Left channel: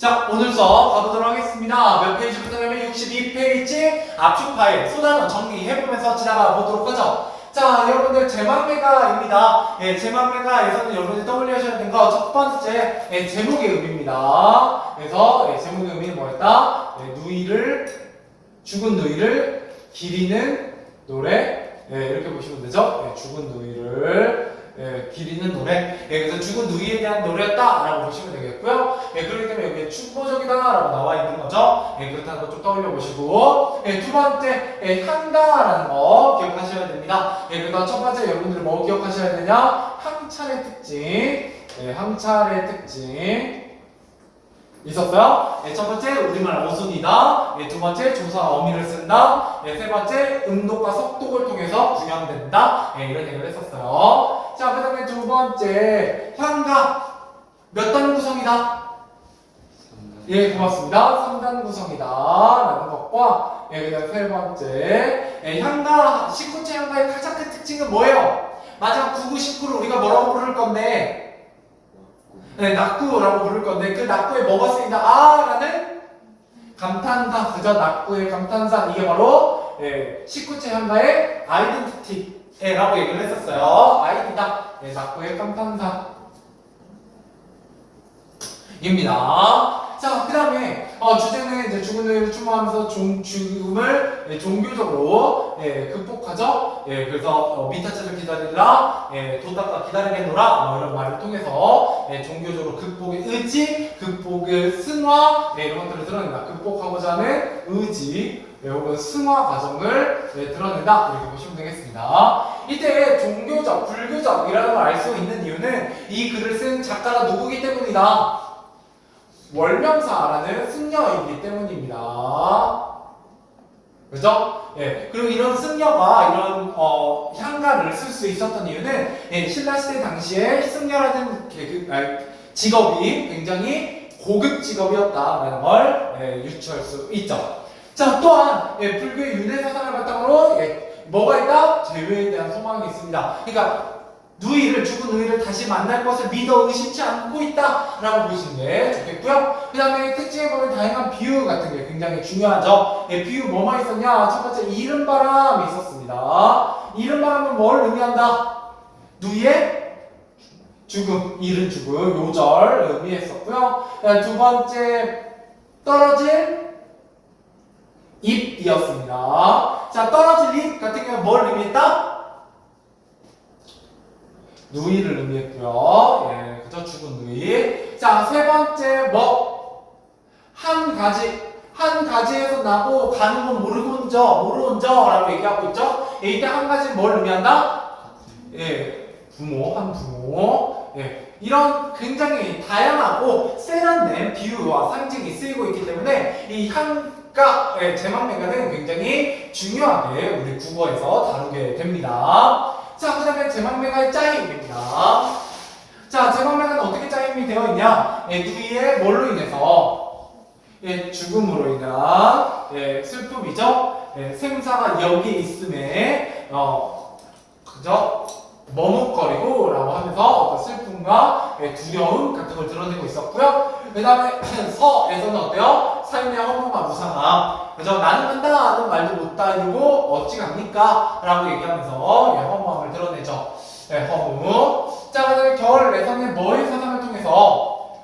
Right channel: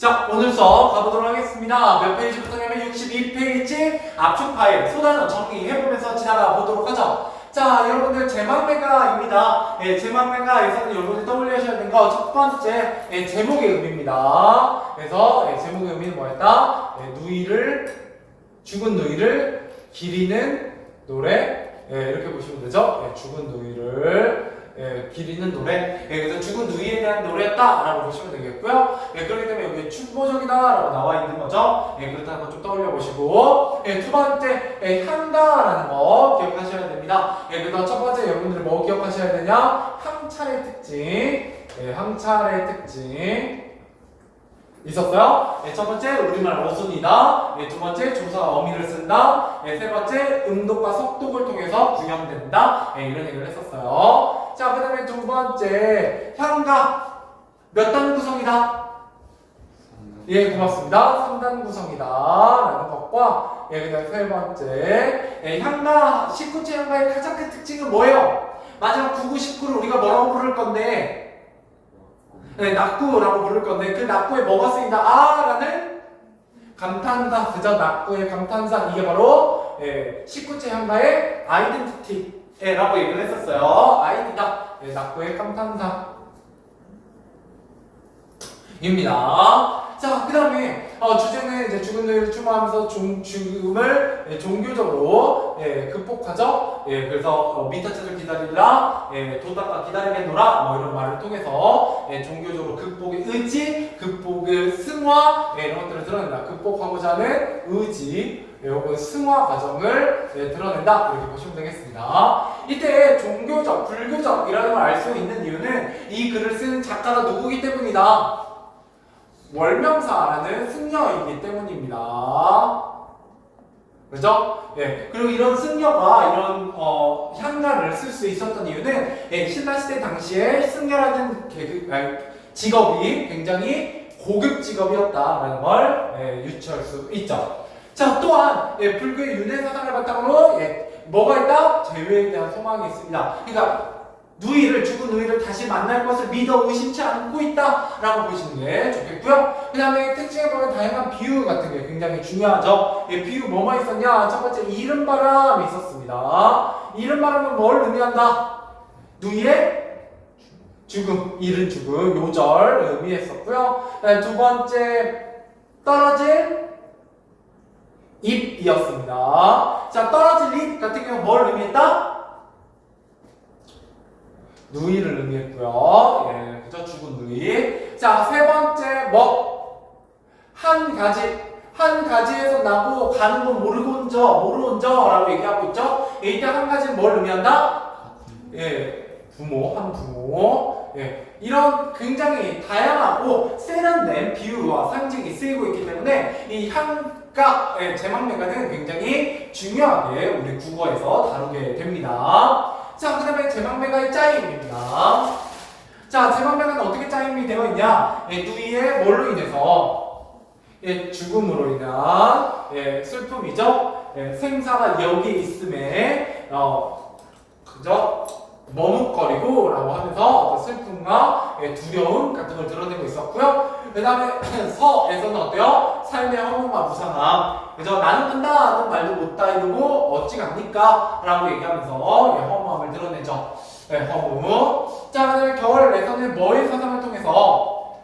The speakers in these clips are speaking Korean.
자, 오늘 수업 가보도록 하겠습니다. 몇 페이지부터 냐면 62페이지 압축 파일 소단어 정리해보면서 지나가 보도록 하죠. 자, 여러분들 제망매가입니다. 제망매가에서는 여러분들 떠올리셔야 되는 거 첫 번째 제목의 의미입니다. 그래서 제목의 의미는 뭐였다? 죽은 누이를 기리는 노래. 이렇게 보시면 되죠. 죽은 누이를 기리는 노래. 그래서 죽은 누이에 대한 노래였다라고 보시면 되겠고요. 그렇기 때문에 여기 충보적이다라고 나와 있는 거죠. 그렇다는 거 좀 떠올려 보시고, 두 번째 향가라는 거 기억하셔야 됩니다. 그래서 첫 번째 여러분들 뭐 기억하셔야 되냐? 항차의 특징. 항차의 특징. 있었어요. 첫 번째 우리말 어순이다. 두 번째 조사가 어미를 쓴다. 세 번째 음독과 속독을 통해서 구현된다. 이런 얘기를 했었어요. 자, 그 다음에 두 번째 향가 몇 단 구성이다? 고맙습니다. 3단 구성이다 라는 것과 그 다음 세 번째 향가 19체 향가의 가장 큰 특징은 뭐예요? 마지막 9, 9, 19를 우리가 뭐라고 부를 건데 낙구라고 부를 건데 그 낙구에 뭐가 쓰인다? 라는 감탄사. 그죠? 낙구의 감탄사. 이게 바로 19체 향가의 아이덴티티라고 얘기를 했었어요. 아이디다. 낙구의 감탄사 입니다. 자, 그 다음에 주제는 이제 죽은 누이를 추모하면서 죽음을 종교적으로 극복하죠. 그래서 미타체를 기다리라, 도닦아 기다리겠노라 뭐 이런 말을 통해서 종교적으로 극복의 의지, 극복의 승화 이런 것들을 드러낸다. 극복하고자 하는 의지 혹은 승화 과정을 드러낸다. 이렇게 보시면 되겠습니다. 이때 종교적, 불교적이라는 걸 알 수 있는 이유는 이 글을 쓴 작가가 누구기 때문이다. 월명사라는 승려이기 때문입니다. 그죠? 그리고 이런 승려가 이런 향가를 쓸 수 있었던 이유는 신라시대 당시에 승려라는 직업이 굉장히 고급 직업이었다라는 걸 유추할 수 있죠. 자, 또한 불교의 윤회 사상을 바탕으로 뭐가 있다? 재회에 대한 소망이 있습니다. 그러니까 죽은 누이를 다시 만날 것을 믿어 의심치 않고 있다라고 보시는 게 좋겠고요. 그 다음에 특징에 보면 다양한 비유 같은 게 굉장히 중요하죠. 비유 뭐만 있었냐? 첫 번째 이른바람이 있었습니다. 이른바람은 뭘 의미한다? 누이의 죽음, 이른 죽음, 요절 의미했었고요. 두 번째 떨어질 잎이었습니다. 자, 떨어질 잎 같은 경우 뭘 의미했다? 누이를 의미했고요. 그죠? 죽은 누이. 자, 세 번째 한 가지에서 나고 가는 건 모르온저라고 얘기하고 있죠. 이때 한 가지는 뭘 의미한다? 한 부모. 이런 굉장히 다양하고 세련된 비유와 상징이 쓰이고 있기 때문에 이 향가, 제망매가는 굉장히 중요하게 우리 국어에서 다루게 됩니다. 자, 그 다음에 제망매가의 짜임입니다. 자, 제망매가는 어떻게 짜임이 되어 있냐? 누이의 뭘로 인해서? 죽음으로 인한 슬픔이죠. 생사가 여기 있음에 그죠? 머뭇거리고 라고 하면서 어떤 슬픔과 두려움 같은 걸 드러내고 있었고요. 그 다음에 서에서는 어때요? 삶의 허무와 무상함. 그죠? 나는 간다는 말도 못 따르고 어찌 갑니까? 라고 얘기하면서 허무함을 드러내죠. 허무. 자, 그 다음에 겨울에서는 뭐의 사상을 통해서?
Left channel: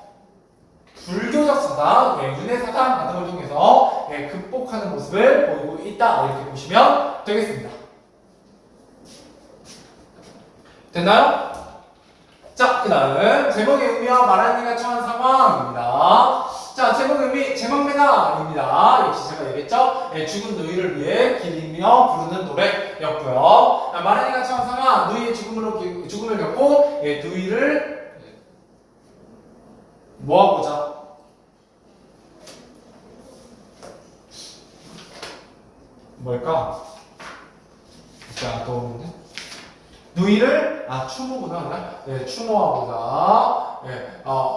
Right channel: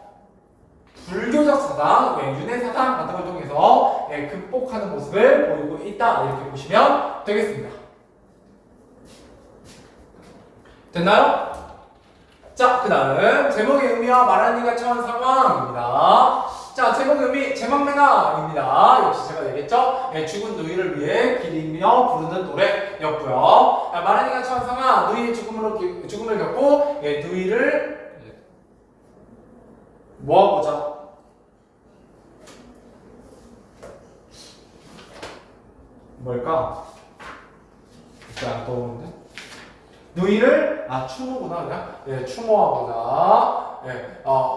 불교적 사상, 윤회 사상 같은 걸 통해서 극복하는 모습을 보이고 있다. 이렇게 보시면 되겠습니다. 됐나요? 자, 그 다음 제목의 의미와 말하는 이가 처한 상황입니다. 자, 제목 의미 제망매가입니다. 역시 제가 얘기했죠? 죽은 누이를 위해 기리며 부르는 노래였고요. 말하는 이가 처한 상황, 누이의 죽음을 겪고 누이를 뭐하고자? 뭘까? 자, 떠오르는데? 누이를 추모구나 그냥 추모하고자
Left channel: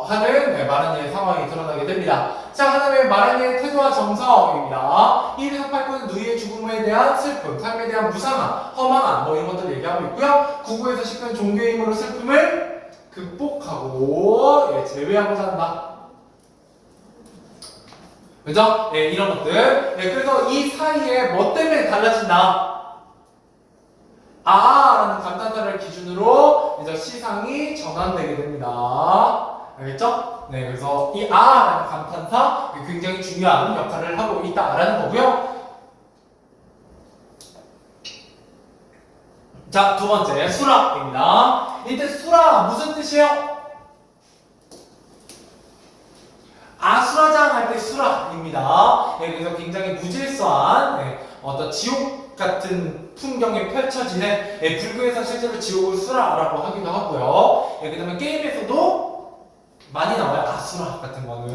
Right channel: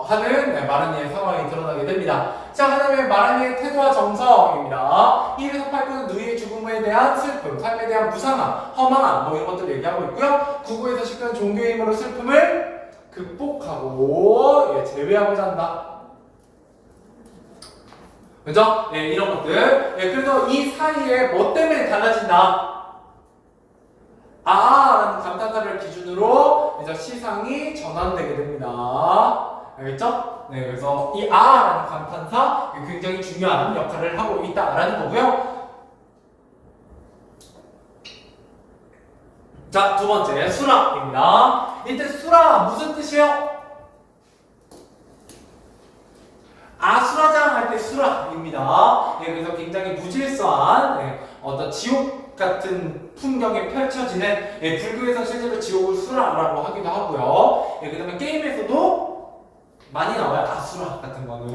하는 마르니의 상황이 드러나게 됩니다. 자, 그다음에 마르니의 태도와 정성입니다. 1에서 8구는 누이의 죽음에 대한 슬픔, 삶에 대한 무상함, 허망함 뭐 이런 것들 얘기하고 있고요. 9구에서 10구는 종교의 힘으로 슬픔을 극복하고 제외하고자 한다. 그죠? 네, 이런 것들. 네, 그래서 이 사이에 뭐 때문에 달라진다? 라는 감탄사를 기준으로 이제 시상이 전환되게 됩니다. 알겠죠? 네, 그래서 이 라는 감탄사 굉장히 중요한 역할을 하고 있다라는 거고요. 자, 두 번째, 수라입니다. 이때 수라 무슨 뜻이에요? 아수라장 할 때 수라입니다. 네, 그래서 굉장히 무질서한 어떤 지옥 같은 풍경이 펼쳐지는 불교에서 실제로 지옥을 수라라고 하기도 하고요. 그 다음에 게임에서도 많이 나와요. 아수라 같은 거는.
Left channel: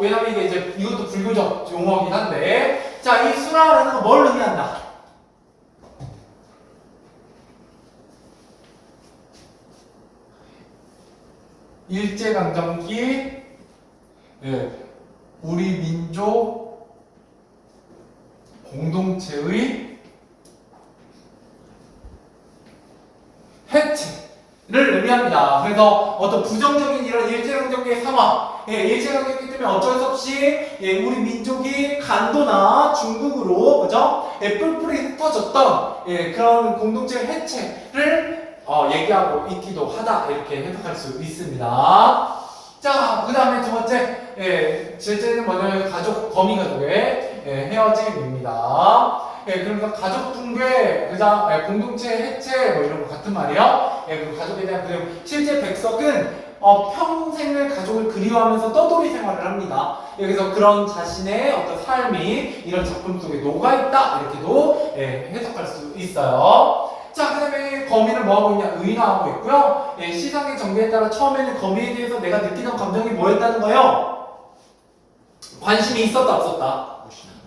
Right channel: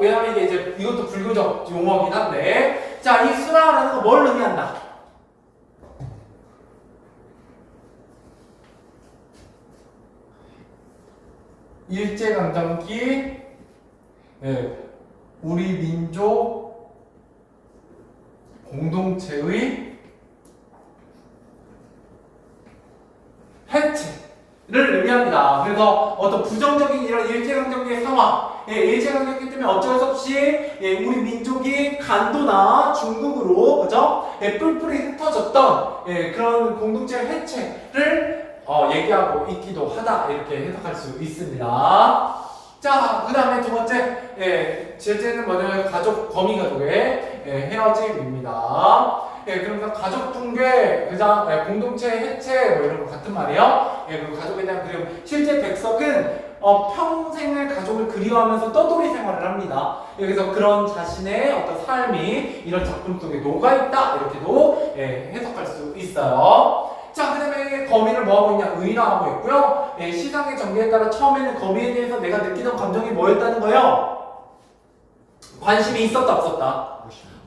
왜냐면 이게 이제 이것도 불교적 용어긴 한데, 자, 이 수라라는 거 뭘 의미한다? 일제강점기 우리 민족 공동체의 해체를 의미합니다. 그래서 어떤 부정적인 이런 일제강점기의 상황, 일제강점기 때문에 어쩔 수 없이 우리 민족이 간도나 중국으로 그죠? 뿔뿔이 흩어졌던 그런 공동체 해체를 얘기하고 있기도 하다 이렇게 해석할 수 있습니다. 자, 그 다음에 두 번째 제재는 뭐냐면 가족 거미가족의 헤어짐입니다. 그러니까 가족 붕괴, 그죠? 공동체 해체 뭐 이런 거 같은 말이요. 그리고 가족에 대한 그리움. 실제 백석은 평생을 가족을 그리워하면서 떠돌이 생활을 합니다. 그래서 그런 자신의 어떤 삶이 이런 작품 속에 녹아있다 이렇게도 해석할 수 있어요. 자, 그 다음에 거미를 뭐하고 있냐? 의인화하고 있고요. 시상의 전개에 따라 처음에는 거미에 대해서 내가 느끼던 감정이 뭐였다는 거예요? 관심이 있었다 없었다?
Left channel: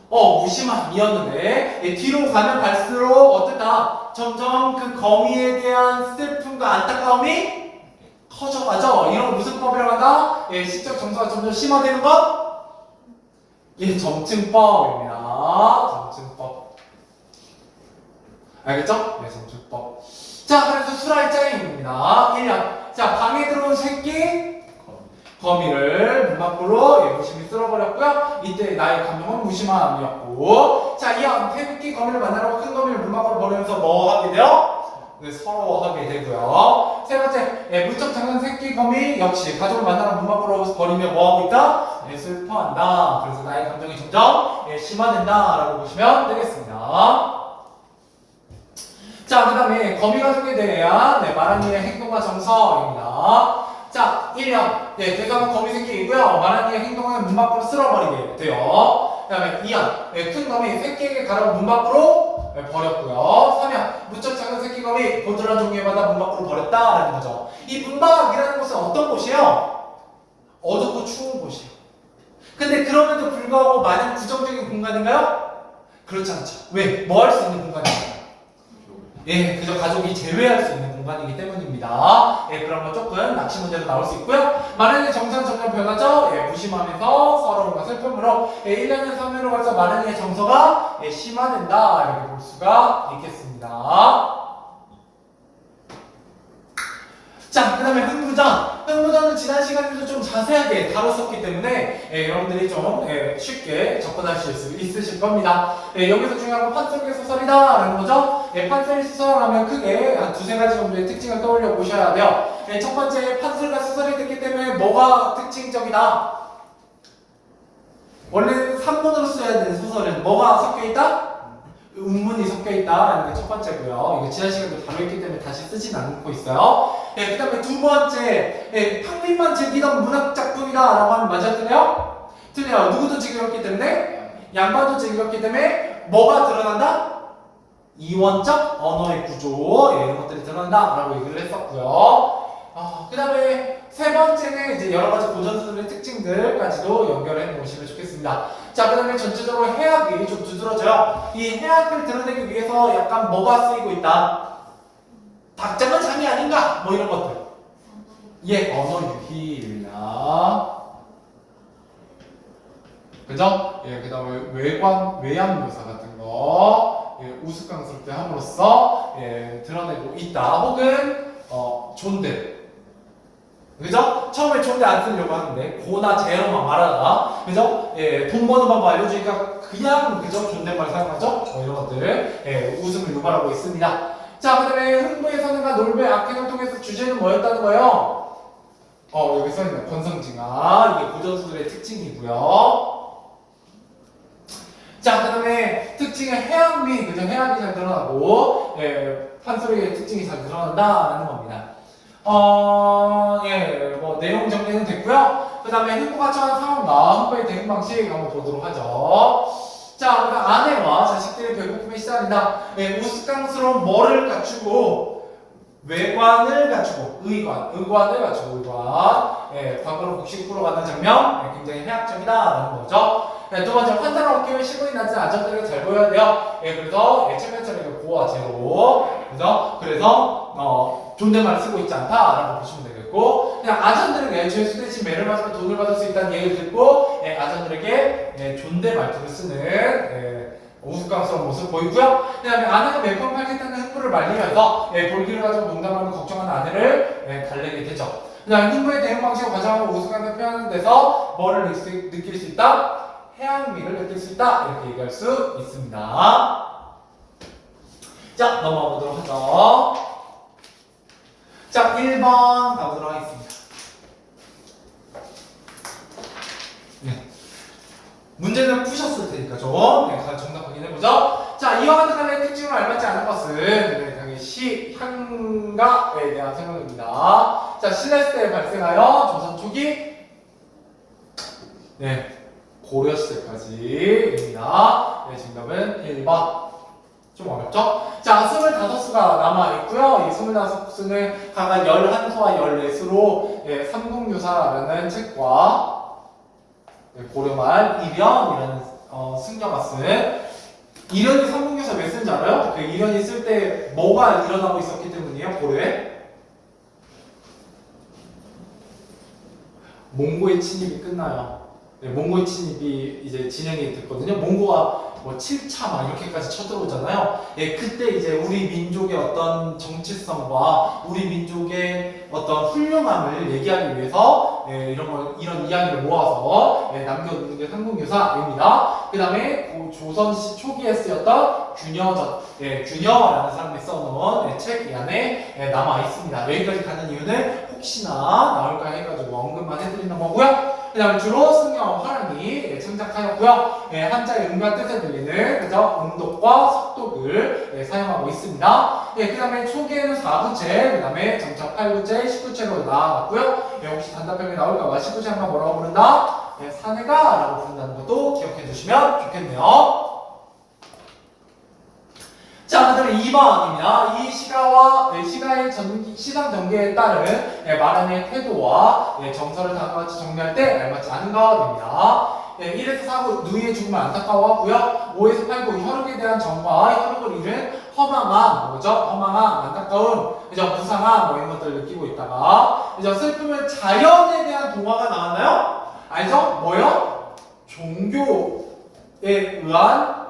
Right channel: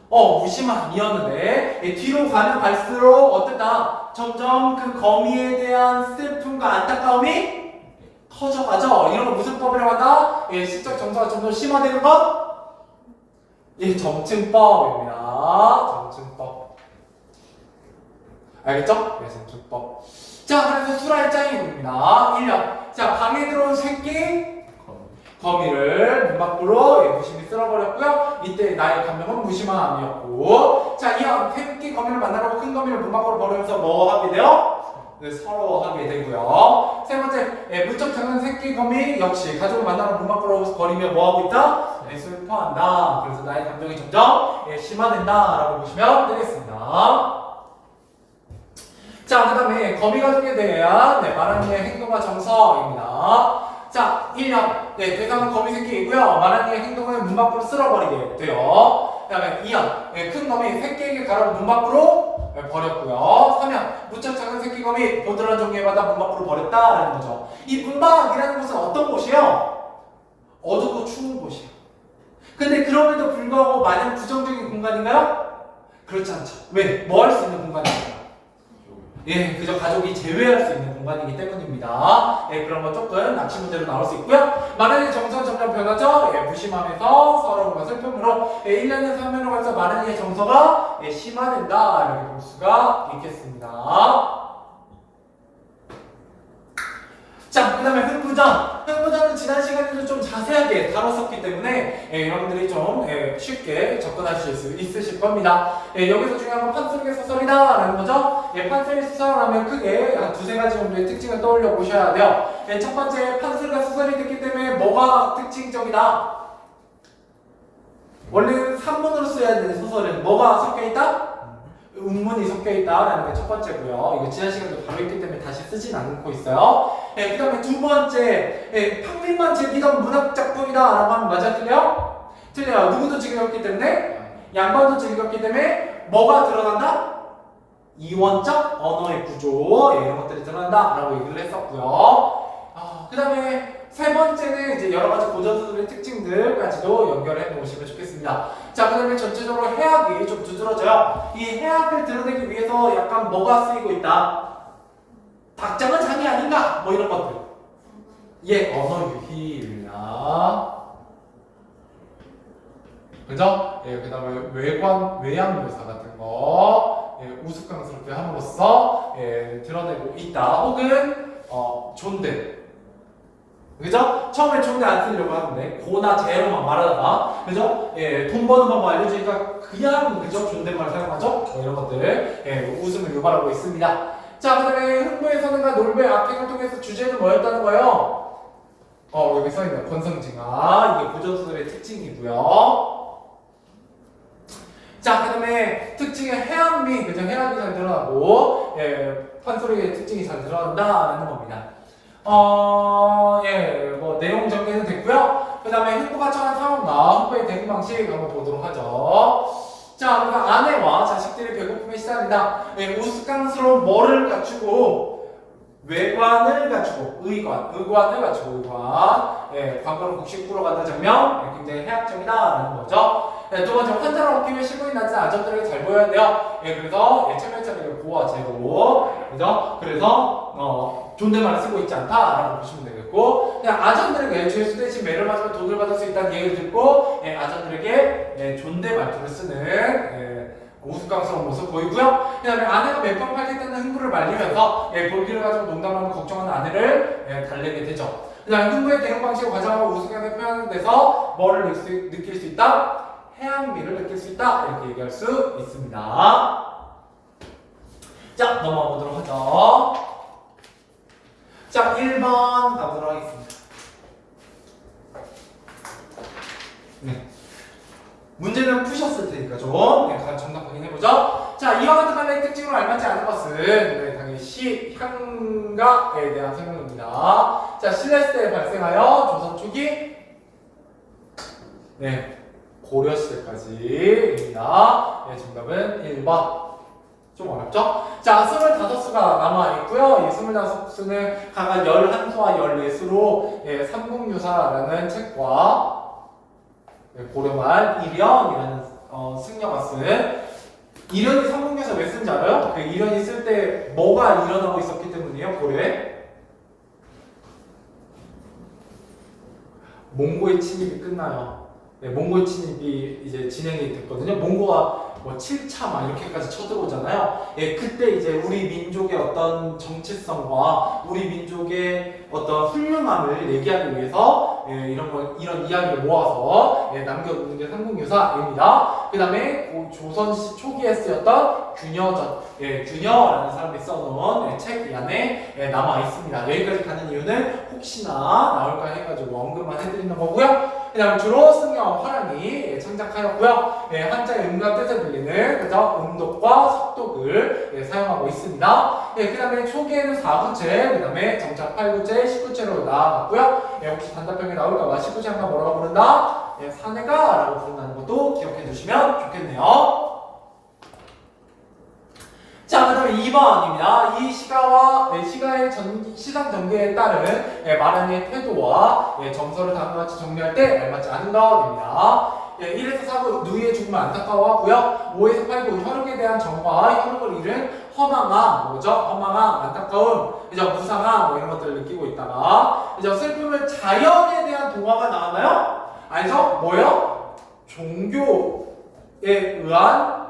무심함이었는데 뒤로 가면 갈수록 어땠다? 점점 그 거미에 대한 슬픔과 안타까움이 커져가죠. 이런 무슨 법이라고 한다? 시적 정서가 점점 심화되는 것? 점층법입니다. 점층법. 알겠죠? 점층법. 자, 그래서 수라일장입니다. 1년. 자, 방에 들어온 새끼 거미를 문 밖으로 무심히 쓸어버렸고요. 이때 나의 감정은 무심함이었고, 자, 이어 새끼 거미를 만나라고 큰 거미를 문 밖으로 보내면서 뭐 하게 돼요? 서러워하게 되고요. 세 번째, 무척 작은 새끼 거미 역시 가족을 만나러 문 밖으로 버리며 뭐 하고 있다? 슬퍼한다. 그래서 나의 감정이 점점 심화된다라고 보시면 되겠습니다. 자, 그 다음에 거미 가족에 대한 마랑이의 행동과 정서입니다. 자, 1년. 대상은 거미 새끼이고요. 마랑이의 행동은 문 밖으로 쓸어버리게 돼요. 그 다음에 2년. 큰 거미 새끼에게 가라고 문 밖으로 버렸고요. 3년. 무척 작은 새끼 거미 보드란 종류마다 문 밖으로 버렸다라는 거죠. 이 문 밖이라는 곳은 어떤 곳이에요? 어둡고 추운 곳이에요. 근데 그럼에도 불구하고 마냥 부정적인 공간인가요? 그렇지 않죠. 왜? 뭐 할 수 있는 공간인가요? 그저 가족이 제외할 수 있는 공간이기 때문입니다. 그런 건 조금 낚시 문제로 나올 수 있고요. 마랑이의 정서는 점점 변하죠. 무심하면서 서러움과 슬픔으로 1년에서 3년으로 갈수록 마랑이의 정서가 심화된다 이렇게 볼 수가 있겠습니다. 자, 그 다음에 흥부전. 흥부전은 지난 시간에도 좀 자세하게 다뤘었기 때문에 여러분들이 좀 쉽게 접근하실 수 있으실 겁니다. 여기서 중요한 건 판소리의 소설이다 라는 거죠. 판소리 소설하면 크게 한 두세 가지 정도의 특징을 떠올려 보셔야 돼요. 첫 번째, 판소리가 소설이 됐기 때문에 뭐가 특징적이다? 원래는 산문으로 써야 되는 소설은 뭐가 섞여있다? 운문이 섞여있다라는 게 첫 번째고요. 이거 지난 시간에도 다루었기 때문에 다시 쓰진 않고 있어요. 그 다음에 두 번째, 평민만 즐기던 문학작품이다라고 하면 맞아 틀려? 틀려요. 누구도 즐겼기 때문에? 양반도 즐겼기 때문에 뭐가 드러난다? 이원적 언어의 구조 이런 것들이 드러난다라고 얘기를 했었고요. 그 다음에 세 번째는 이제 여러 가지 고전소설의 특징들까지도 연결해 놓으시면 좋겠습니다. 자, 그 다음에 전체적으로 해학이 좀 두드러져요. 이 해학을 드러내기 위해서 약간 뭐가 쓰이고 있다? 닭장은 장이 아닌가? 뭐 이런 것들. 언어 유희입니다. 그죠? 그 다음에 외양 묘사 같은 거 우스꽝스럽게 함으로써 드러내고 있다. 혹은 존댓 그죠? 처음에 존재 안 쓰려고 하는데 고나 제로만 말하다가 그죠? 예, 돈 버는 방법 알려주니까 그냥 그죠? 존댓말 사용하죠? 이런 것들 웃음을 유발하고 있습니다. 자, 그 다음에 흥부에서는가 놀부의 악행을 통해서 주제는 뭐였다는 거예요? 여기 써있네. 권성징악. 이게 고전수들의 특징이고요. 자, 그 다음에 특징은 해악미, 그죠? 해악이 잘 드러나고, 판소리의 특징이 잘 드러난다라는 겁니다. 뭐, 내용 정리는 됐고요. 그 다음에 흥부가 처한 상황과 흥부의 대응 방식 한번 보도록 하죠. 자, 우리가 아내와 자식들의 배고픔에 시달린다. 우스꽝스러운 뭐를 갖추고, 외관을 갖추고, 의관을 갖추고, 과거로 곡식구로 가는 장면, 굉장히 해악적이다라는 거죠. 두 번째, 환자를 얻기 위해 시골이 나지 안전하게 잘 보여야 돼요. 그래서 차별차별하게 고와 제로, 그죠? 그래서 존댓말을 쓰고 있지 않다라고 보시면 되겠고, 그냥 아전들에게 죄수 대신 매를 맞으면 돈을 받을 수 있다는 얘기를 듣고, 아전들에게 존댓 말투를 쓰는 우스꽝스러운 모습 보이고요. 그 다음에 아내가 맨방 팔겠다는 흥부를 말리면서 볼기를 가지고 농담하며 걱정하는 아내를 달래게 되죠. 그 다음에 흥부의 대응 방식을 과장하고 우스꽝하게 표현하는 데서 뭐를 느낄 수 있다? 해악미를 느낄 수 있다. 이렇게 얘기할 수 있습니다. 자, 넘어가 보도록 하죠. 자, 1번 가보도록 하겠습니다. 네. 문제는 푸셨을 테니까 좀 정답 확인해보죠. 자, 이와 같은 관련의 특징으로 알맞지 않은 것은 당연히 향가에 대한 설명입니다. 자, 신라시대에 발생하여 조선 초기 고려시대까지입니다. 정답은 1번. 좀 어렵죠? 자, 25수가 남아있고요. 이 25수는 각각 11수와 14수로 삼국유사라는 책과 고려말 이련이라는 승려가 쓴 이련이 삼국유사 왜 쓴지 알아요? 그 이련이 쓸 때 뭐가 일어나고 있었기 때문이에요? 고려에? 몽고의 침입이 끝나요. 몽고의 침입이 이제 진행이 됐거든요. 몽고가 뭐 7차 막 이렇게까지 쳐들어오잖아요. 그때 이제 우리 민족의 어떤 정체성과 우리 민족의 어떤 훌륭함을 얘기하기 위해서 이런 이야기를 모아서 남겨놓는 게 삼국유사입니다. 그 다음에 조선시 초기에 쓰였던 균여전, 균여라는 사람이 써놓은 책 안에 남아 있습니다. 여기까지 가는 이유는 혹시나 나올까 해가지고 언급만 해드리는 거고요. 그 다음에 주로 승려와 화랑이 창작하였고요. 한자의 음과 뜻을 빌리는 그죠? 음독과 속독을 사용하고 있습니다. 그 다음에 초기에는 4구체, 그 다음에 정착 8구체, 19체로 나아갔고요. 혹시 단답형에 나올까봐 19체 한번 뭐라고 부른다? 사내가라고 부른다는 것도 기억해 두시면 좋겠네요. 자, 그 다음에 2번입니다. 이 시가의 시상 전개에 따른 말하는 태도와 정서를 다음과 같이 정리할 때 알맞지 않은 것입니다. 1에서 4구 누이의 죽음을 안타까워하고요. 5에서 8구 혈육에 대한 정과 혈육을 잃은 허망함, 뭐죠? 허망함, 안타까움, 그죠? 무상함, 뭐 이런 것들을 느끼고 있다가, 그죠? 슬픔은 자연에 대한 동화가 나왔나요? 알죠? 뭐요? 종교에 의한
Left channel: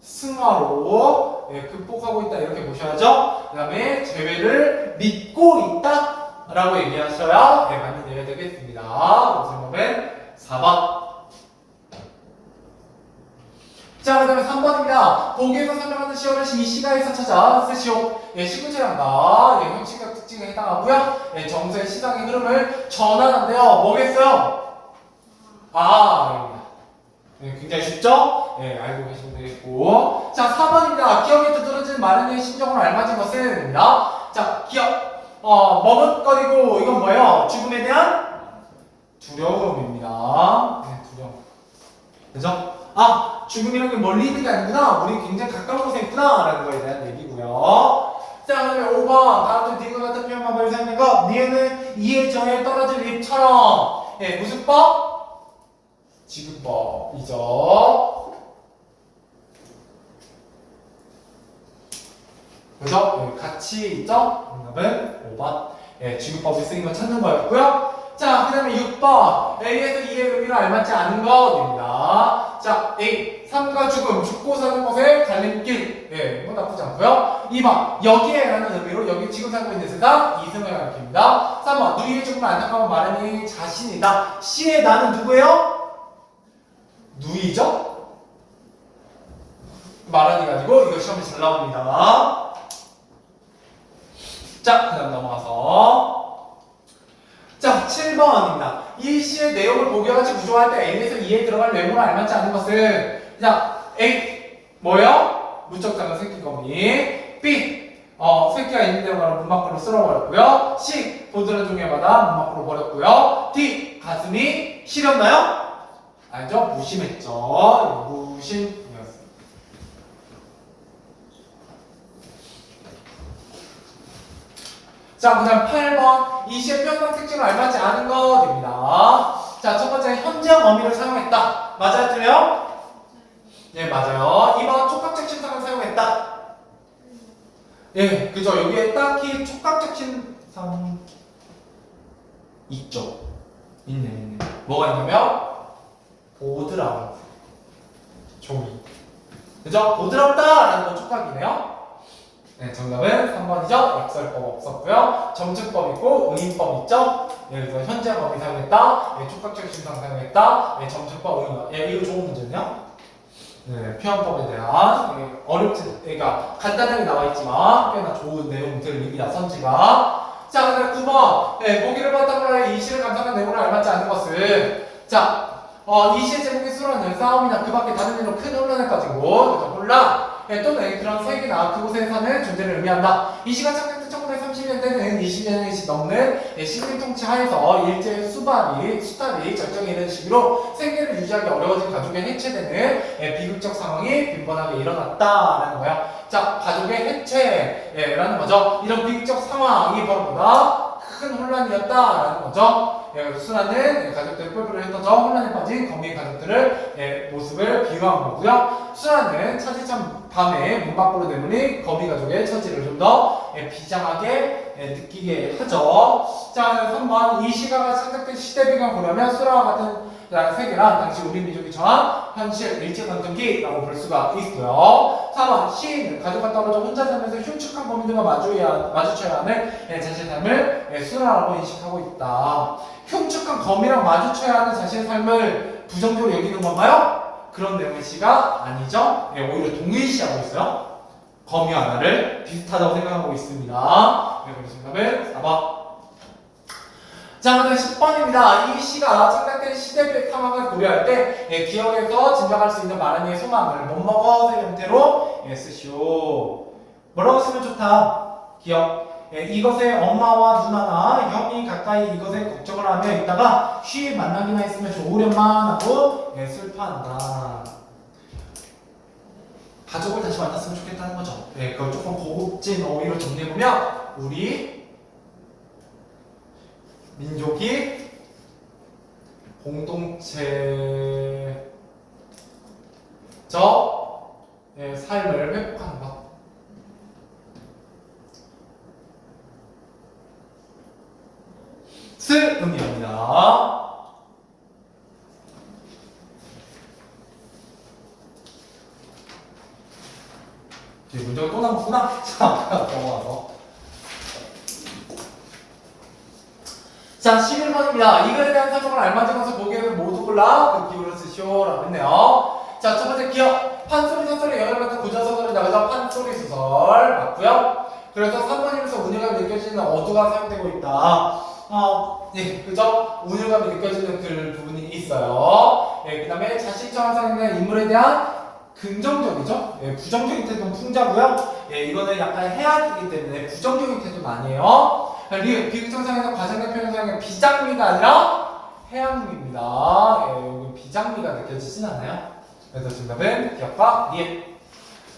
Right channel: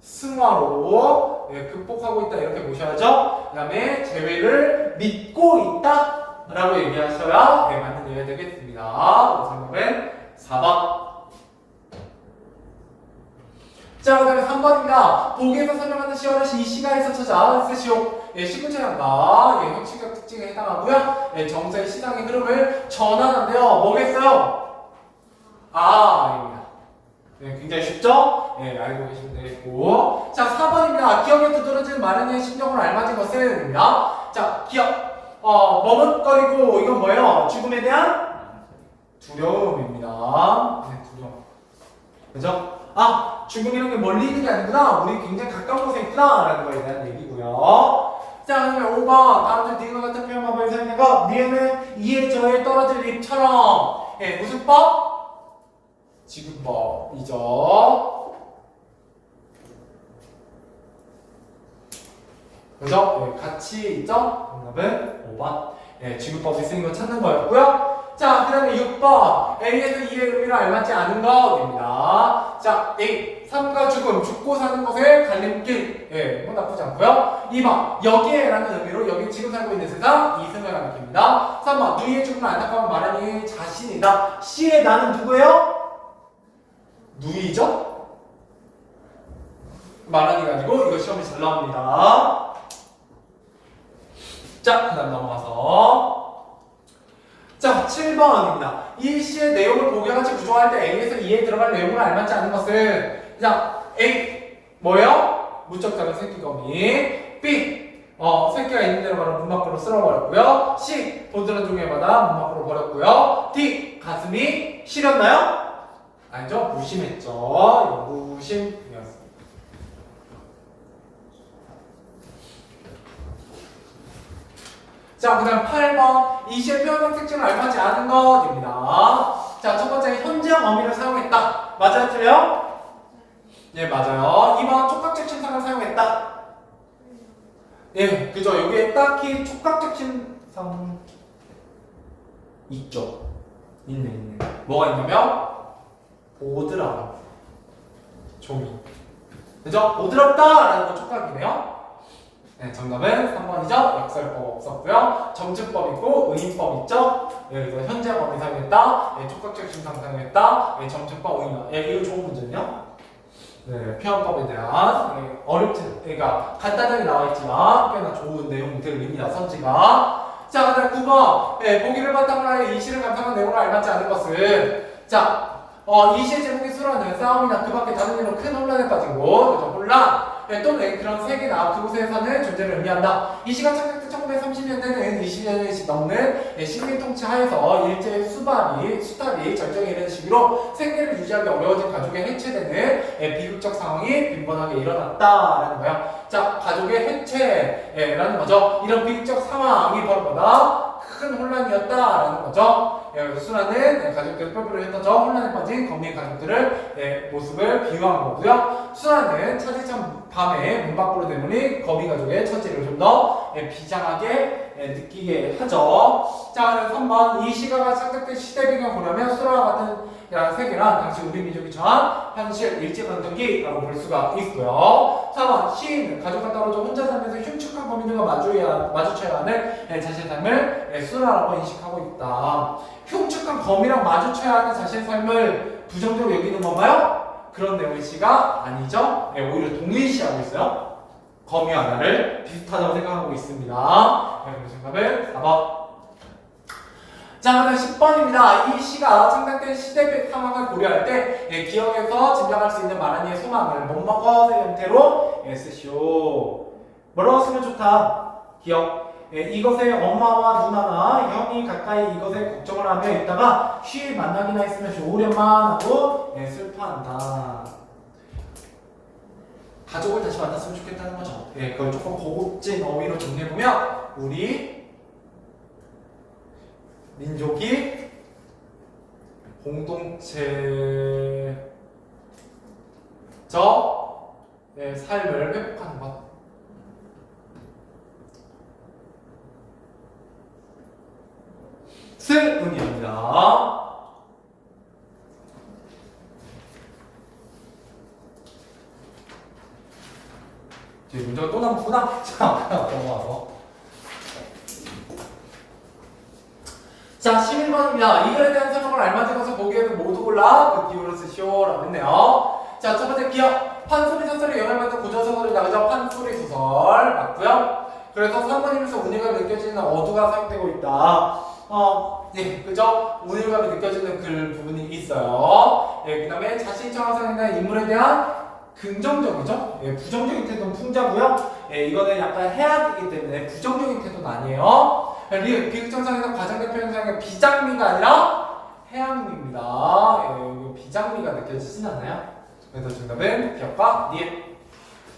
승화로 극복하고 있다 이렇게 보셔야죠. 그 다음에 재회를 믿고 있다 라고 얘기하셔야 맞는 예가 되겠습니다. 정답은 4번. 자, 그 다음에 3번입니다. 보기에서 설명하는 시어를 이 시가에서 찾아 쓰시오. 19제랑과 형식적 특징에 해당하고요. 정서의 시장의 흐름을 전환한대요. 뭐겠어요? 입니다. 굉장히 쉽죠? 알고 계시면 되겠고. 자, 4번입니다. 기억에 두드러진 마른의 심정으로 알맞은 것은? 자, 기억. 머뭇거리고, 이건 뭐예요? 죽음에 대한 두려움입니다. 두려움. 그죠? 죽음이라는 게 멀리 있는 게 아니구나. 우리 굉장히 가까운 곳에 있구나. 라는 거에 대한 얘기고요. 자, 그 다음에 5번. 다음 주 니가 같은 표현 방법을 사용한 거. 니에는 이에 저에 떨어질 잎처럼. 무슨 법? 지구법이죠. 그죠? 같이 있죠? 정답은 5번. 지구법이 쓰인 거 찾는 거였고요. 자, 그 다음에 6번. A에서 E의 의미를 알맞지 않은 것입니다. 자, A. 삶과 죽음, 죽고 사는 것의 갈림길. 예, 뭐 나쁘지 않고요. 2번. 여기에라는 의미로 여기 지금 살고 있는 세상 이승을 가리킵니다. 3번. 누이의 죽음을 안타까운 마련이 자신이다. C의 나는 누구예요? 누이죠? 마련이 가지고 이거 시험에 잘 나옵니다. 자, 그 다음 넘어가서 자, 7번입니다. 이 시의 내용을 보기와 같이 구조할 때 A에서 E에 들어갈 내용을 알맞지 않은 것은 자, A 뭐예요? 무척 작은 새끼거미. B 새끼가 있는 데로 가는 문 밖으로 쓸어버렸고요. C 보드는 중에마다 문 밖으로 버렸고요. D 가슴이 시렸나요? 아니죠? 무심했죠. 무심이었습니다. 자, 그 다음 8번. 이 시의 표현적 특징을 알맞지 않은 것입니다. 자, 첫 번째, 현재형 어미를 사용했다. 맞아요? 틀려요? 네, 맞아요. 2번, 촉각적 신상을 사용했다. 예, 그죠. 여기에 딱히 촉각적 신상 있죠. 있네. 뭐가 있냐면, 보드라. 종이. 그죠? 보드럽다라는 건 촉각이네요. 네, 정답은 3번이죠. 역설법 없었고요. 점층법 있고 의인법 있죠. 예, 그래서 현재법이 사용했다. 예, 촉각적 신상 사용했다. 예, 점층법 의인법. 예, 이거 좋은 문제네요. 네, 표현법에 대한 예, 어렵지, 그러니까 간단하게 나와 있지만 꽤나 좋은 내용들입니다. 선지가. 자, 그다음 9번. 예, 보기를 바탕으로 해 이 시를 감상한 내용을 알맞지 않은 것은 자, 이 시의 제목이 수라는 싸움이나 그 밖에 다른 일로 큰 혼란에 빠진 곳, 혼란. 예, 또는 그런 세계나 그곳에 사는 존재를 의미한다. 이 시가 창작된 1930년대는 20년이 넘는 식민 통치 하에서 일제의 수탈이 절정에 이르는 시기로 생계를 유지하기 어려워진 가족의 해체되는 비극적 상황이 빈번하게 일어났다라는 거야. 자, 가족의 해체라는 거죠. 이런 비극적 상황이 벌어보다 큰 혼란이었다라는 거죠. 수라는 가족들을 뿔뿔이 흩어져 혼란에 빠진 거미의 가족들을 모습을 비유한 거고요. 수라는 차디찬 밤에 문 밖으로 내보니 거미 가족의 처지를 좀 더 비장하게 느끼게 하죠. 자, 3번. 이 시가가 창작된 시대 배경 보려면 수라와 같은 세계란 당시 우리 민족이 처한 현실 일제강점기라고 볼 수가 있고요. 4번. 시인은 가족과 떨어져 혼자 살면서 흉측한 거민들과 마주쳐야 하는 자신의 삶을 수라라고 인식하고 있다. 흉측한 거미랑 마주쳐야 하는 자신의 삶을 부정적으로 여기는 건가요? 그런 내용의 시가 아니죠. 오히려 동일시하고 있어요. 거미와 나를 비슷하다고 생각하고 있습니다. 그래서 정답은 4번. 자, 그다음 10번입니다. 이 시가 창작된 시대 상황을 고려할 때 기억에서 짐작할 수 있는 마라니의 소망을 못 먹어의 형태로 쓰시오. 뭐라고 쓰면 좋다? 기억. 이것에 엄마와 누나나 형이 가까이 이것에 걱정을 하며 있다가 쉬이 만나기나 했으면 좋으련만 하고 슬퍼한다. 가족을 다시 만났으면 좋겠다는 거죠. 그걸 조금 고급진 어휘로 정리해보면 우리 민족이 공동체적 삶을 회복하는 것. 을 의미합니다. 문제가 또 남구나. 자, 넘어가서. 자, 11번입니다. 이거에 대한 설정을 알맞으면서 보기에서 모두 골라 그 기호를 쓰시오 라고 했네요. 자, 첫 번째 기억. 판소리 소설에 영향을 받은 고전소설이 나가죠. 판소리 소설 맞고요. 그래서 3번이면서 운율감이 느껴지는 어두가 사용되고 있다. 예, 그죠? 운율감이 느껴지는 그 부분이 있어요. 그 다음에 자신처럼 생각하는 인물에 대한 긍정적이죠? 부정적인 태도는 풍자고요. 이거는 약간 해악이기 때문에 부정적인 태도는 아니에요. 비극천상에서 가장 대표 현상은 비장미가 아니라 해악미입니다. 비장미가 느껴지진 않나요? 그래서 정답은 기억과 니은.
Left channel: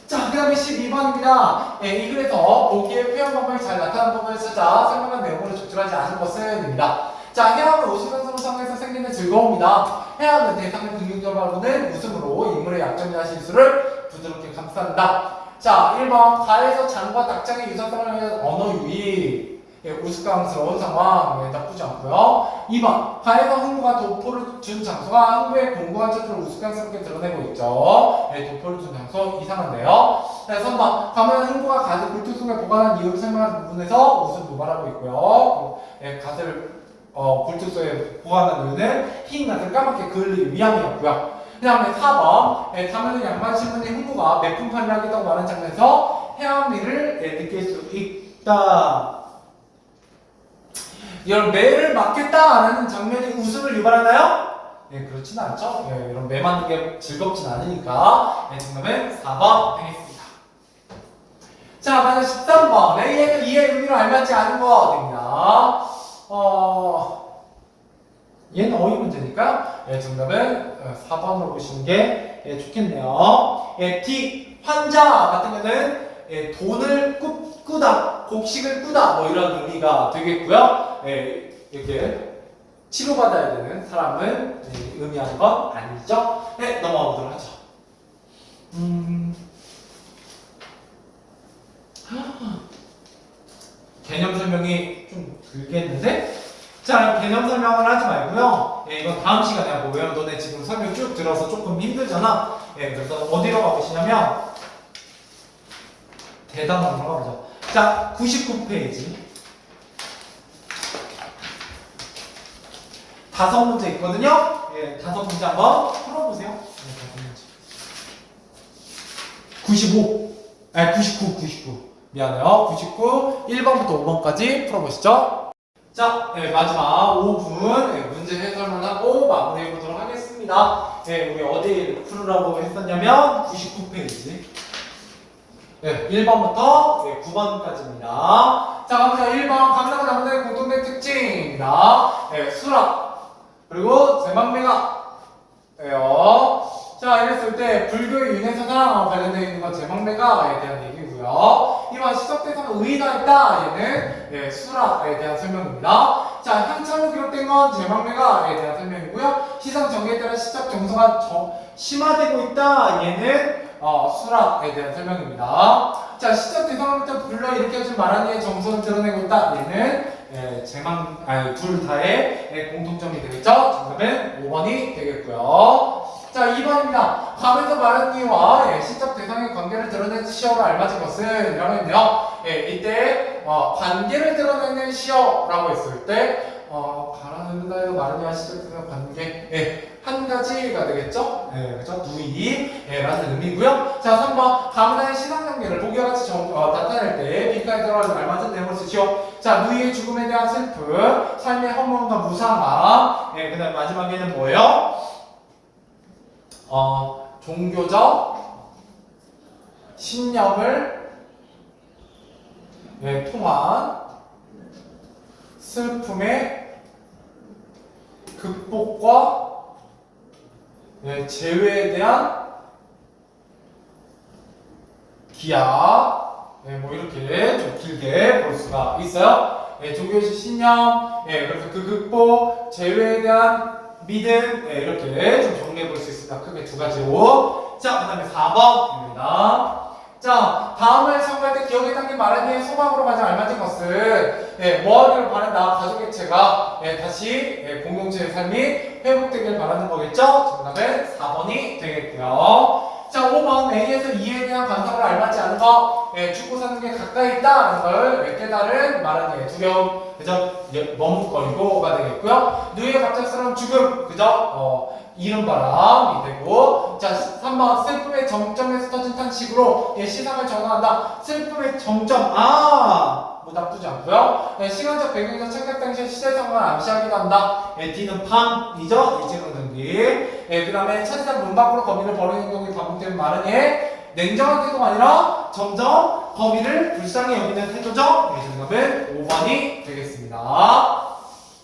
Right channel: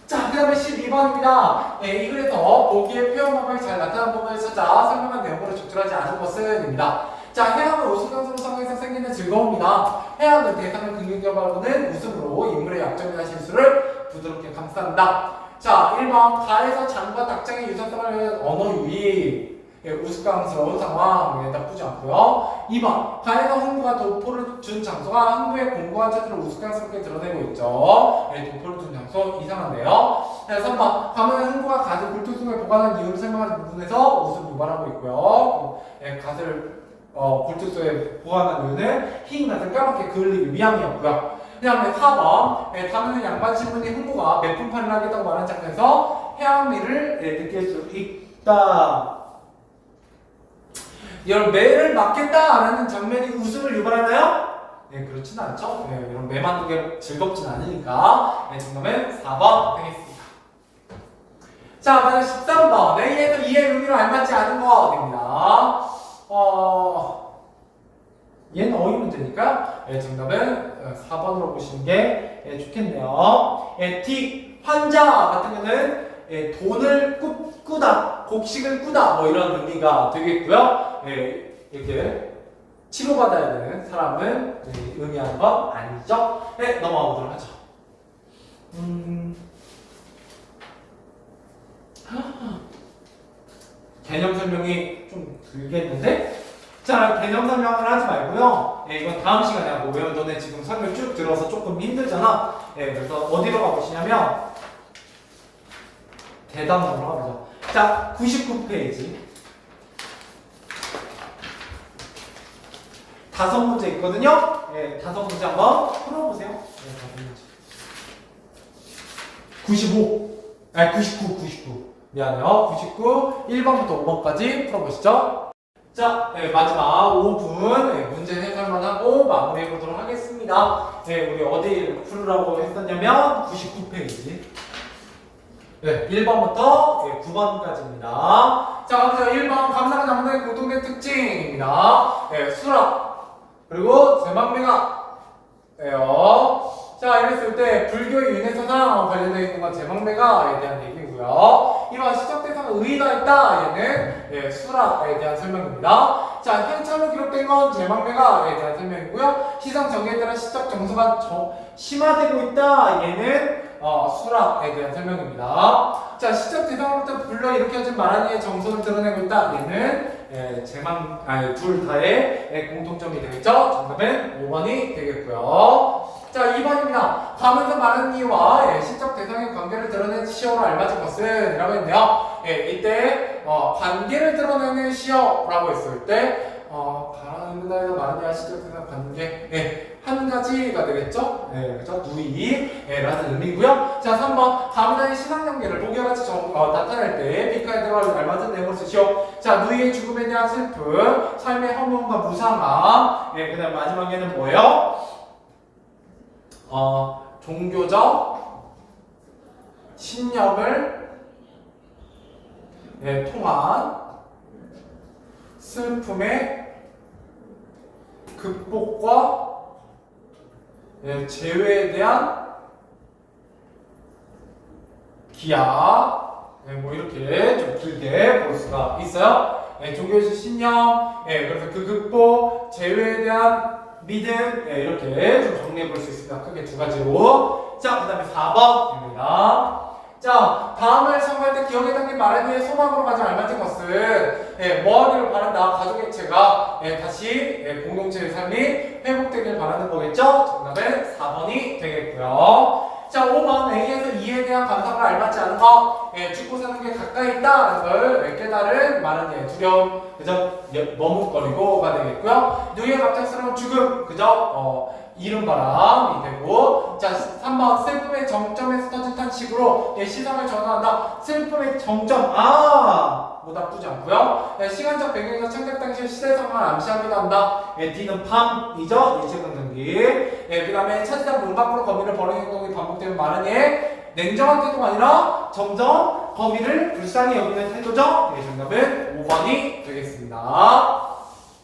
자, 그 다음에 12번입니다. 이 글에서 보기에 표현 방법이 잘 나타나는 부분을 찾아 설명한 내용으로 적절하지 않은 것은 입니다. 자, 해악은 웃으면서 상황에서 생기는 즐거움이다. 해악은 대상을 긍정적으로는 웃음으로 인물의 약점이나 실수를 부드럽게 감싼다. 자, 1번 가에서 장과 닭장의 유사성을 위한 언어 유희. 우스꽝스러운 상황. 나쁘지 않고요. 2번 가에서 흥부가 도포를 준 장소가 흥부의 공고한 처지를 우스꽝스럽게 드러내고 있죠. 도포를 준 장소 이상한데요. 3번 가면 흥부가 갓을 굴뚝 속에 보관한 이유를 설명하는 부분에서 웃음을 유발하고 있고요. 갓을 굴뚝 속에 보관한 이유는 흰 갓을 까맣게 그을리기 위함이었고요. 그 다음에 4번 가면은 양반 신부님 흥부가 매품판을 하겠다고 하는 장면에서 해양미를 느낄 수 있다. 이런 매를 맞겠다라는 장면이 웃음을 유발하나요? 그렇진 않죠. 이런 매 맞는 게 즐겁진 않으니까. 정답은 4번 되겠습니다. 자, 마지막 13번. A에서 E의 의미를 알맞지 않은 거 됩니다. 얘는 어휘 문제니까 정답은 4번으로 보시는 게 좋겠네요. D. 환자 같으면은 돈을 꾸다, 곡식을 꾸다 뭐 이런 의미가 되겠고요. 이렇게 치료받아야 되는 사람은 의미하는 건 아니죠. 넘어가 보도록 하죠. 개념 설명이 좀 길겠는데? 자, 개념 설명을 하지 말고요. 이건 다음 시간에 하고요. 너네 지금 설명 쭉 들어서 조금 힘들잖아. 그래서 어디로 가보시냐면 대단으로 가보자. 자, 99페이지. 5문제 있거든요. 5문제 한번 풀어보세요. 95. 99. 미안해요. 99. 1번부터 5번까지 풀어보시죠. 자, 마지막 5분 문제 해설만 하고 마무리해 보도록 하겠습니다. 우리 어디 풀으라고 했었냐면 99페이지. 1번부터 9번까지입니다. 자, 먼저 1번 감사가 장사의 공통된 특징입니다. 수락 그리고 제망매가예요. 자, 이랬을 때 불교의 윤회사상 관련되어 있는 건 제망매가에 대한 얘기고요. 1번 시적 대상은 의의가 있다. 얘는 수락에 대한 설명입니다. 자, 현찰로 기록된 건 제망매가에 대한 설명이고요. 시상 정계에 따라 시적 정서가 심화되고 있다. 얘는 수락에 대한 설명입니다. 자, 시적 대상으로부터 불러일으켜진 말하기의 정서를 드러내고 있다. 얘는 둘 다의 공통점이 되겠죠. 정답은 5번이 되겠고요. 자, 2번입니다. 가면서 말하는 이유와 시적 대상의 관계를 드러낸 시어로 알맞은 것은 이라고 했네요. 이때 관계를 드러내는 시어라고 했을 때 가라앉는다에서 말하는 이유와 시적 대상 관계 한 가지가 되겠죠? 그렇죠? 누이 라는 의미고요. 자, 3번 가면의 신앙관계를 보기와 같이 나타낼 때 빈칸에 들어갈 알맞은 내용을 쓰시오. 자, 누이의 죽음에 대한 슬픔, 삶의 허무함과 무상함. 그 다음 마지막에는 뭐예요? 종교적 신념을 통한 슬픔의 극복과 재회에 대한 기약, 뭐 이렇게 좀 길게 볼 수가 있어요. 종교적 신념, 그래서 그 극복, 재회에 대한 믿음, 이렇게 좀 정리해 볼 수 있습니다. 크게 두 가지로. 자, 그 다음에 4번입니다. 자, 다음을 참고할 때 기억에 담긴 말하기의 소망으로 가장 알맞은 것은 뭐하기를 바란다. 가족의체가 다시 공동체의 삶이 회복되길 바라는 거겠죠? 정답은 4번이 되겠고요. 자, 5번 A에서 E에 대한 감상을 알맞지 않은 거. 죽고 사는 게 가까이 있다는 걸 깨달은 말하기의 두려움, 그죠? 머뭇거리고가 되겠고요. 누이의 갑작스러운 죽음, 그죠? 이른바람이 되고. 자, 3번 슬픔의 정점에서 터진 탄식으로 시선을 전환한다. 슬픔의 정점, 뭐 나쁘지 않고요. 시간적 배경에서 창작 당시의 시대성을 암시하기도 한다. D는 밤이죠? 일제강점기. 그 다음에 차지상 문 밖으로 거미를 버리는 행동이 반복되는 말은 냉정한 태도가 아니라 점점 거미를 불쌍히 여기는 태도죠? 정답은 5번이 되겠습니다.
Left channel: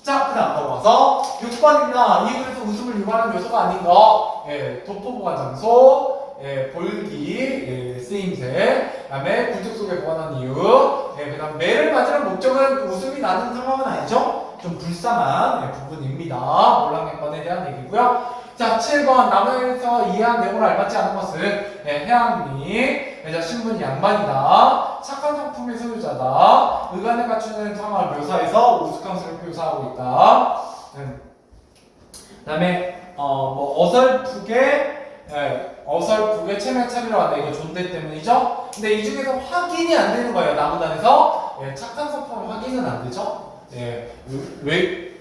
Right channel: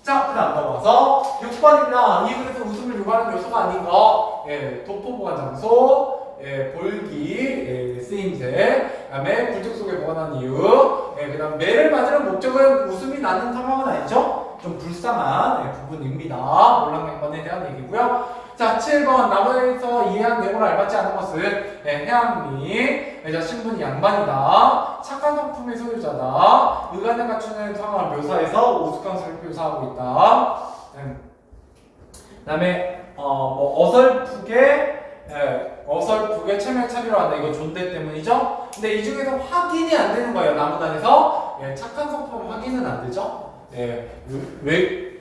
자, 그 다음 넘어가서 6번입니다. 이 글에서 웃음을 유발하는 요소가 아닌 거. 도포 보관 장소, 볼기, 쓰임새, 그 다음에 굴뚝 속에 보관한 이유, 그 다음 매를 맞으는 목적은 웃음이 나는 상황은 아니죠? 좀 불쌍한 부분입니다. 몰락내건에 대한 얘기고요. 자, 7번 나무에서 이해한 내용을 알맞지 않은 것은 해양미, 신분이 양반이다. 착한 성품의 소유자다. 의관을 갖추는 상황을 묘사해서 우스꽝스를 묘사하고 있다. 그다음에 어설프게 체면 차리러 한다. 이거 존대 때문이죠. 근데 이 중에서 확인이 안 되는 거예요. 나무단에서 착한 성품은 확인은 안 되죠.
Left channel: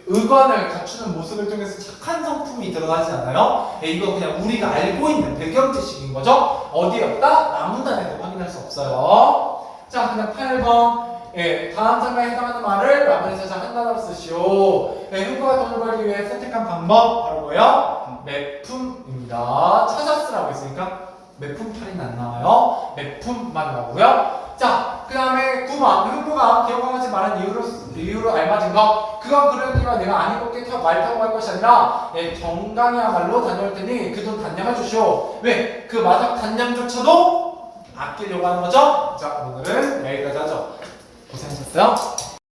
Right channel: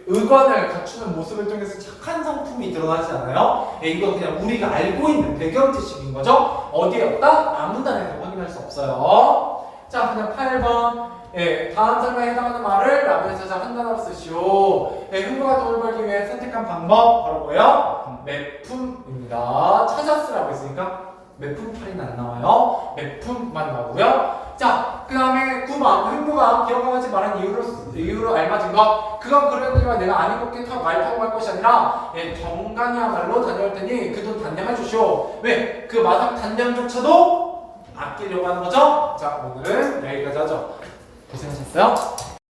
의관을 갖추는 모습을 통해서 착한 성품이 드러나지 않아요. 이거 그냥 우리가 알고 있는 배경 지식인 거죠. 어디에 없다? 나무단에서 확인할 수 없어요. 자, 그냥 8번. 다음 설명에 해당하는 말을 라벨에서 한 단어로 쓰시오. 흥부가 돈을 벌기 위해 선택한 방법 바로 뭐예요? 매품입니다. 찾았으라고 했으니까 매품 8은 안 나와요. 매품만 나오고요. 자, 그 다음에 9번. 흥부가 기억하지 말한 이유로 알맞은 것. 그건 그러니까 내가 안 입을게 말 타고 갈 것이 아니라 정강야말로 다녀올 테니 그 돈 단념해 주시오. 왜? 그 마당 단념조차도 아끼려고 하는 거죠? 자, 오늘은 여기까지 하죠. 고생하셨어요.